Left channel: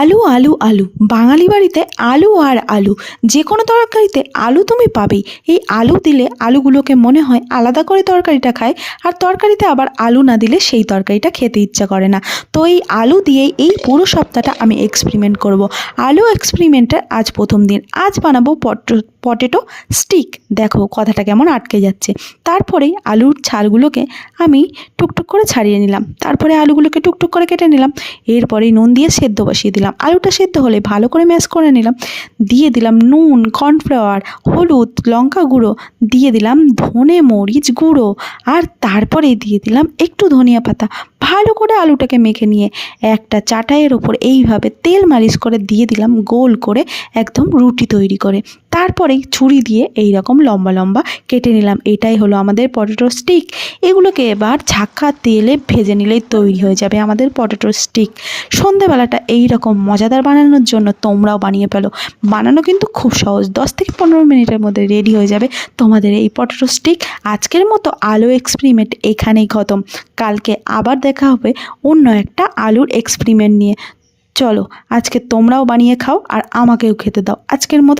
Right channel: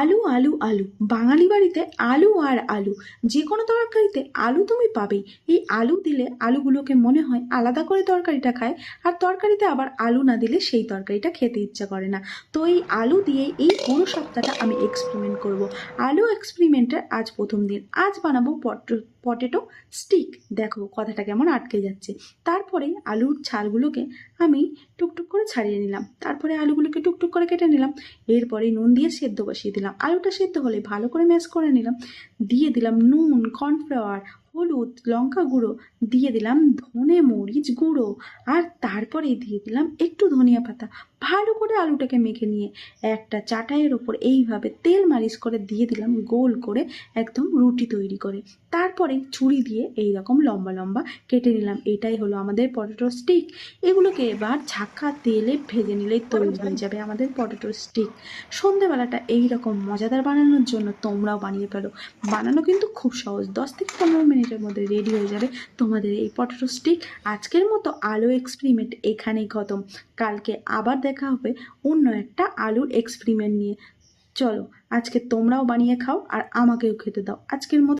আলু আলু আলু বাঙালি বাড়িতে আলু আর আলু, যে কোনো তরকারিতে আলু তুমি পাবেই। এই আলু দিলে আলুগুলোকে মনে হয় আলাদা করে তরকারিটা খায়, আর তরকারিতে আবার আলু না দিলে সেই তরকারিটা খেতে ইচ্ছা করে না। তো এই আলু দিয়েই এই পুরো সপ্তাহটা আমি এক্সপেরিমেন্ট করব। আলু এক্সপেরিমেন্টের আজ প্রথম দিন। আজ বানাবো পটেটো স্টিক। দেখো কথাটা কেমন আটকে যাচ্ছে। তারপরেই আলুর ছালগুলোকে আমি টুকটুক করে ছাড়িয়ে নিলাম, তারপরে আলুগুলোকে টুকটুক করে কেটে নিলাম। এরপরেই নুন দিয়ে সেদ্ধ বসিয়ে দিলাম। আলুটা সেদ্ধ হলে ভালো করে ম্যাশ করে নিলাম। দিয়ে দিলাম নুন, কর্নফ্লাওয়ার, হলুদ, লঙ্কা গুঁড়ো, দিয়ে দিলাম ধনে মরিচ গুঁড়ো, আর তারপরে দিয়ে দিলাম একটু ধনিয়া পাতা। ভালো করে আলুটাকে মেখে নিয়ে একটা চাটাইয়ের ওপর এইভাবে তেল মালিশ করে দিয়ে দিলাম গোল করে, একদম রুটি তৈরি করে। তারপরেই ছুরি দিয়ে এই রকম লম্বা লম্বা কেটে নিলাম। এটাই হলো আমাদের পটেটো স্টিক। এগুলোকে এবার ছাক্কা তেলে ভেজে নিলেই তৈরি হয়ে যাবে আমাদের পটেটো স্টিক। সন্ধেবেলাটা এই রকম মজাদার বানানোর জন্য তোমরাও বানিয়ে ফেলো। বানানো কিন্তু খুব সহজ, 10 থেকে 15 মিনিটের মধ্যে রেডি হয়ে যাবে তোমাদের এই পটেটো স্টিক। আজকের মতো আলু এক্সপেরিমেন্ট এখানেই খতম। কালকে আবার দেখা হবে অন্য একটা আলুর এক্সপেরিমেন্ট নিয়ে। চলো আজকে তোমরাও বানিয়ে খাও আর আমাকেও খেতে দাও। আজকের মতো